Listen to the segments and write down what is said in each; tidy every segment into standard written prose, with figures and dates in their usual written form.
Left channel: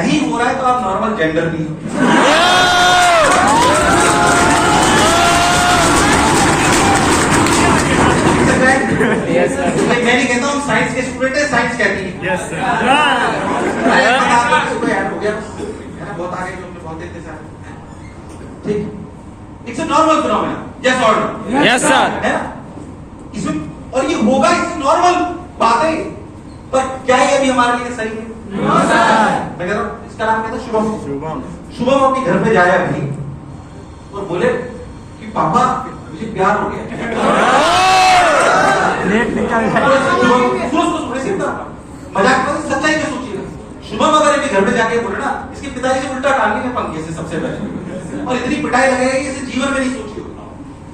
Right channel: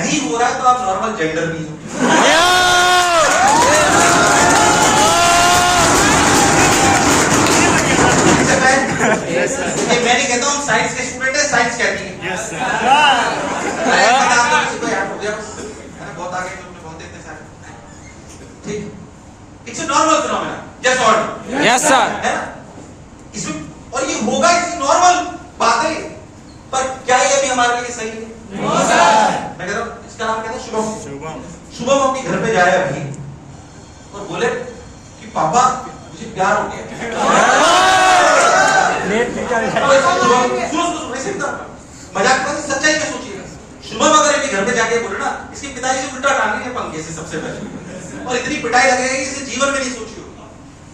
नहीं हो रहा है तो आप नॉर्मल जेंडर भी मैं नहीं कहता हूँ साइंस के स्टूडेंट है, साइंस कहती है। Yes sir. बहुत आगे जो बहुत देते सर, ठीक, it's a normal phenomena, yes और नो? Yes sir. है ना? इसमें और ये होगा, इट्स नॉर्मल बात है, पर क्या ये भी हमारे लिए सही है? No sir. मैं कहता हूँ इसका नाम कहता है शुभम। शुभम अपने घर पे जाया अभी और बोले कि पापा मुझे प्यार हो गया। मजाक में सच्चाई में सोचिएगा, शुभम अगर इनके घर पे जाके बोले ना, इसके पिताजी से उल्टा टांगेंगे पंखे से सबसे पहले, और इतनी पिटाई लगेगी इसे जीवन में नहीं सोची होगी।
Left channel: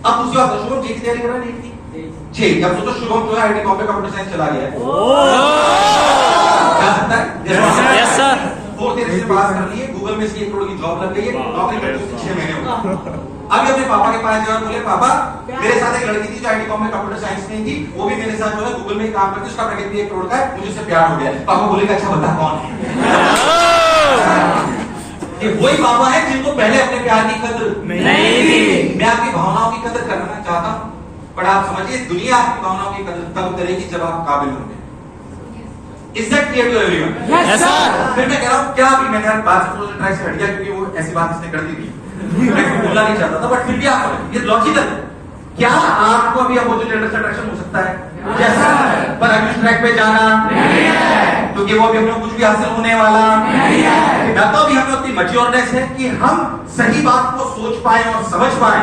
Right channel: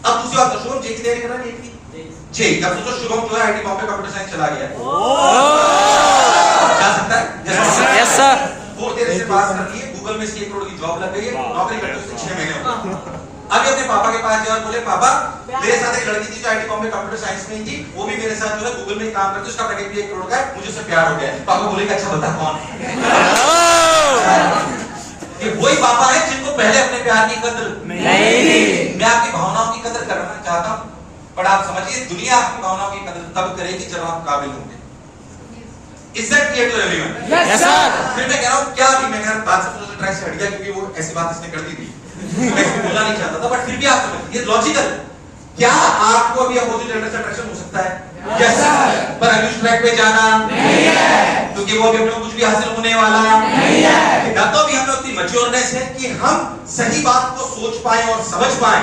अब दूसरी बात, शुभम जे की तैयारी कर रहा है, नीट की जे। अब सोचो शुभम जो है आईटी बॉम्बे कंप्यूटर साइंस चला गया है, जा सकता है? Yes sir. वो तेरे से पास कर लिए, गूगल में इसकी 1 करोड़ की जॉब लग गई है, नौकरी करते उसके 6 महीने हो गए। अभी अपने पापा के पास जाओ, बोले पापा मेरे साथ एक लड़की थी जो आईटी बॉम्बे कंप्यूटर साइंस में थी, वो भी मेरे साथ जो है गूगल में काम करती, उसका पैकेज भी 1 करोड़ का है, मुझे उससे प्यार हो गया। पापा बोलेगा अच्छा बता कौन है? ये वही पापा है जिनको पहले अपने प्यार की कदर नहीं थी। मैं आपकी भावनाओं की कदर करना चाहता हूँ, पर आप समझिए दुनिया आपकी भावनाओं की कदर तब करेगी जब आप काबिल होंगे। Is that clear to everyone? Yes sir। फिर मैं कह रहा हूँ क्या भी, मैं कह रहा हूँ बात से थोड़ा सा ट्रैक से हट गया क्योंकि वो ऐसी बात इसने कर दी थी, मैं इसको बोलना नहीं चाहता था, बट फिर भी आप समझ, ये लॉजिकल। क्या आपको अभी अपोजिट जेंडर से अट्रैक्शन हो सकता है? Yes sir. पर अभी उस ट्रैक पे जाना नहीं है, क्योंकि वो अभी अपने कुछ भी हासिल होने वाला नहीं है। ना तो अभी हमें उतनी मैच्योरनेस है कि हम सही बात को सोच पाए और समझ पाए।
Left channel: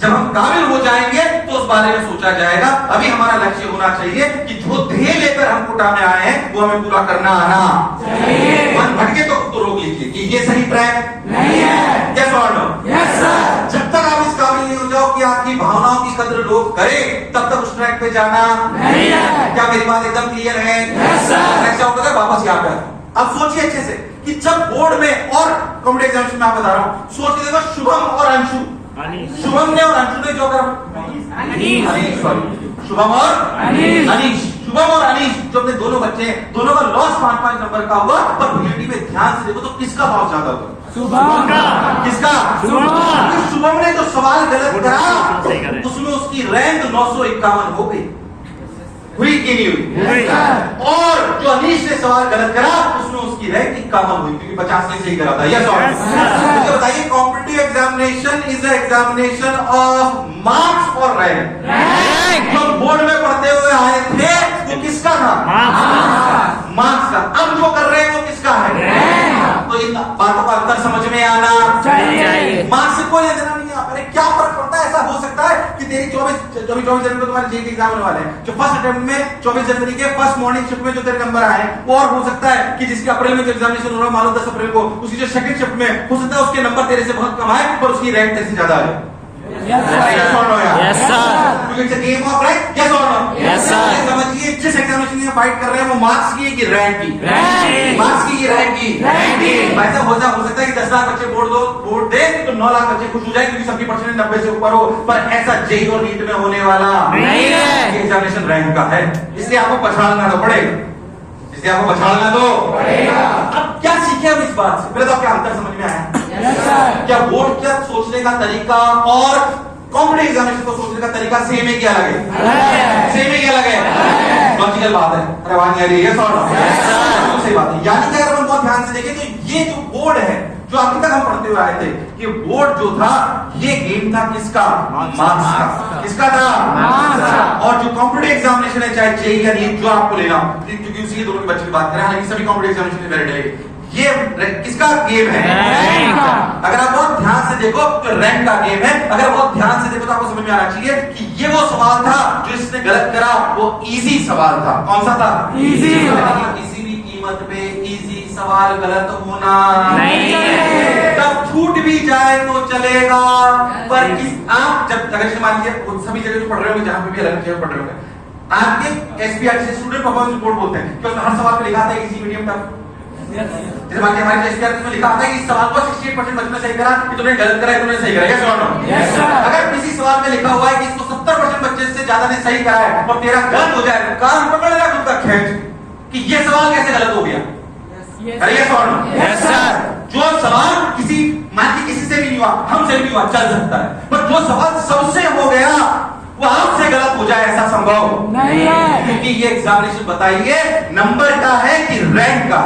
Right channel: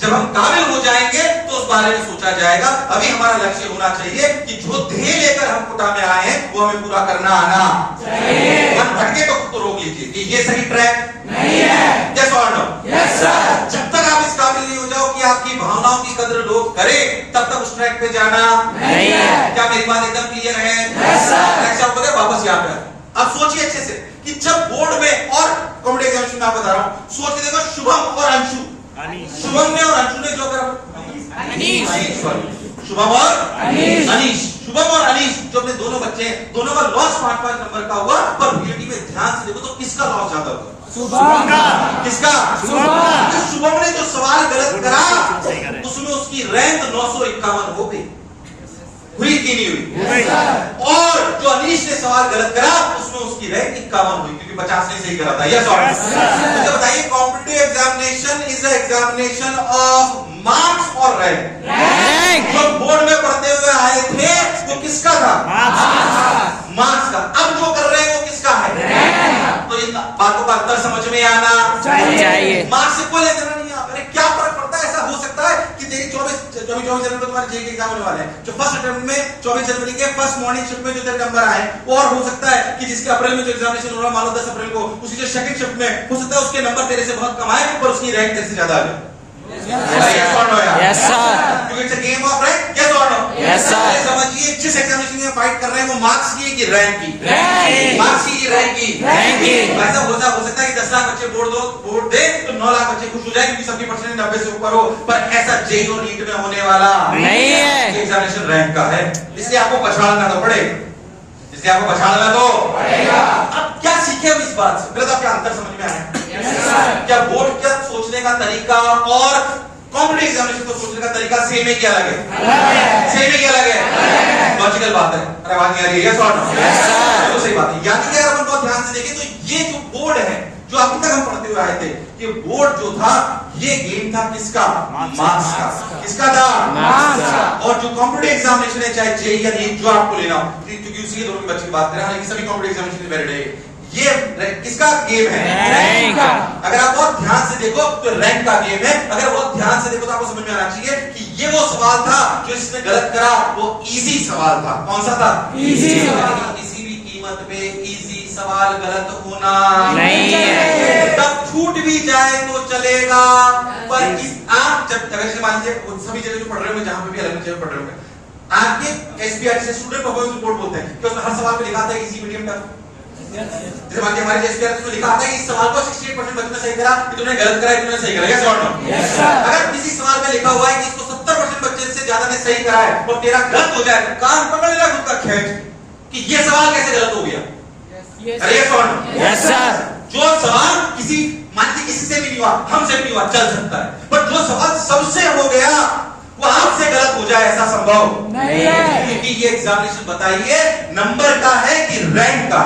जब हम काबिल हो जाएंगे तो उस बारे में सोचा जाएगा। अभी हमारा लक्ष्य होना चाहिए कि जो ध्येय लेकर हम कुटा में आए हैं वो हमें पूरा करना आना चाहिए। मन भटके तो खुद रोक लीजिए कि ये सही ट्रैक नहीं है। यस और नो? Yes sir. जब तक आप इस काबिल नहीं हो जाओ कि आपकी भावनाओं की कदर लोग करें, तब तक उस ट्रैक पे जाना नहीं है। क्या मेरी बात एकदम क्लियर है? Yes sir. नेक्स्ट वापस यहाँ पे अब सोचिए अच्छे से कि जब बोर्ड में और कॉम्पिटिटिव एग्जामिनेशन में आप बता रहा हूँ, सोच के देखो शुभम और अंशु, शुभम ने और अंशु ने जो करा, शुभम और अनीश, शुभम और अनीश जो अपने दोनों बच्चे हैं, दोनों का लॉस 5-5 नंबर का हुआ, पर रियलिटी में ध्यान से देखो तो किसका लॉस ज्यादा हुआ? शुभम का। किसका? शुभम ने जो सवाल गलत करा उसमें उसकी रैंक 951 हो गई, हुई कि नहीं हुई? और जो अनीश ने सवाल गलत करा उसमें उसकी रैंक 51 हुई, क्योंकि 50 ने सही करा था। यस और नो? तो बताइए competitive examination is a examination of marks और रैंक। जो बोर्ड में पढ़ते हुए आए थे वो किसका था? मार्क्स का। अब जो कर रहे हैं वो किसका है? तो इन बातों का अंतर समझ में आना चाहिए। मार्क्स से कोई लेना नहीं है। अरे क्या फर्क पड़ता है? ऐसा हो सकता है कि तेरी 24 जनवरी को तुम्हारे जेईई के एग्जाम होने वाले हैं, जो फर्स्ट अटेम्प्ट में 24 जनवरी के फर्स्ट मॉर्निंग शिफ्ट में जो तेरे नंबर आए, और हो सकता है कि जिसके अप्रैल में जो एग्जामिनेशन हो रहा है, मान लो 10 अप्रैल को, उसकी जो सेकंड शिफ्ट में हो सकता है उसके नंबर तेरे से बहुत कम आए और उसकी रैंक तेरे से ज्यादा आ जाए। Yes sir। क्योंकि it's a game of rank, yes or no? Yes sir। समझिए जिस एग्जामिनेशन में फाइट कर रहे हैं वो मार्क्स की है कि रैंक की? मार्क्स की रैंक की? ऐसा हो सकता है कि 10 लाख बच्चे बोर्ड दे तो 9 लाख बच्चे खुश हो जाए क्योंकि सबकी परसेंटेज 90 से ऊपर हो, पर ऐसा जेईई और नीट में होने वाला नहीं है। एग्जामिनेशन रैंक का है, इसलिए आपको पछाड़ना तो पड़ेगा, इसलिए आपको पछाड़ना तो पड़ेगा। अब क्या सीखे हम इस बात से? पहले तो क्या अंतर समझ में आया? क्या बोर्ड का सोचने का तरीका और कॉम्पिटिटिव एग्जामिनेशन को सोचने का तरीका सेम है क्या अलग है? सेम है क्या अलग है? लॉजिकल बात है। अरे आवाज नहीं आ रही है? यस और नो? Yes sir. तो सही बात है। यानी कि अगर हम बहुत ध्यान से देखें तो ये जो बोर्ड है जो अभी तक हम पढ़ते हुए आए थे, ये बोर्ड जो था ये गेम था किसका? मार्क्स का। किसका था? मार्क्स का। और जो कॉम्पिटिटिव एग्जामिनेशन है चाहे जेईई या नीट जो आपको लेना हो, क्योंकि उसी के दोनों के बच्चे की बात करें, हालांकि सभी कॉम्पिटिटिव एग्जामिनेशन में वैलिड है, ये किसका गेम है? रैंक का। अगर आप बहुत ध्यान से देखो तो रैंक का गेम है। अगर बहुत ध्यान से देखो तो आपको समझ में आना चाहिए कि ये वो सवाल था जो इसने गलत करा, वो इजी सवाल था। कौन सा था? इजी। किसी भी कीमत पे इजी सवाल गलत होना नहीं है। तब छूट भी जाए तो चलेगा, पर आप जब अगर मान लीजिए सभी जगह जो पढ़ रहे हो, जहां पे भी अलग जगह पढ़ रहे हो, आपके एसपीआरटी से स्टूडेंट परफॉर्मेंस रिपोर्ट बोलते हैं कि उसमें हर सवाल पे लिखा था इजी मीडियम टफ। जैसे मान लीजिए हमारे एसपीआरटी में लिखा आता है कि इस सवाल को 68% बच्चों ने सही करा, कि तुमने गलत करा, तुमने सही करा। यस और नो? Yes sir. अगर किसी सवाल में लिखा हुआ है कि इसको 70% बच्चे से ज्यादा ने सही करा है और तेरा गलत हो जाए, कान पकड़ लेना खुद का खेच कि ये सवाल कैसे गलत हो गया? अरे यस और नो? Yes sir. सवाल किसी मान के किसी से भी नहीं हुआ, हमसे भी नहीं हुआ, चल सकता है, पर जो सवाल सबसे हो गया वो आपसे गलत हो जाए ऐसा संभव नहीं है, क्योंकि ये एग्जामिनेशन बताइए नंबर का है कि रैंक का?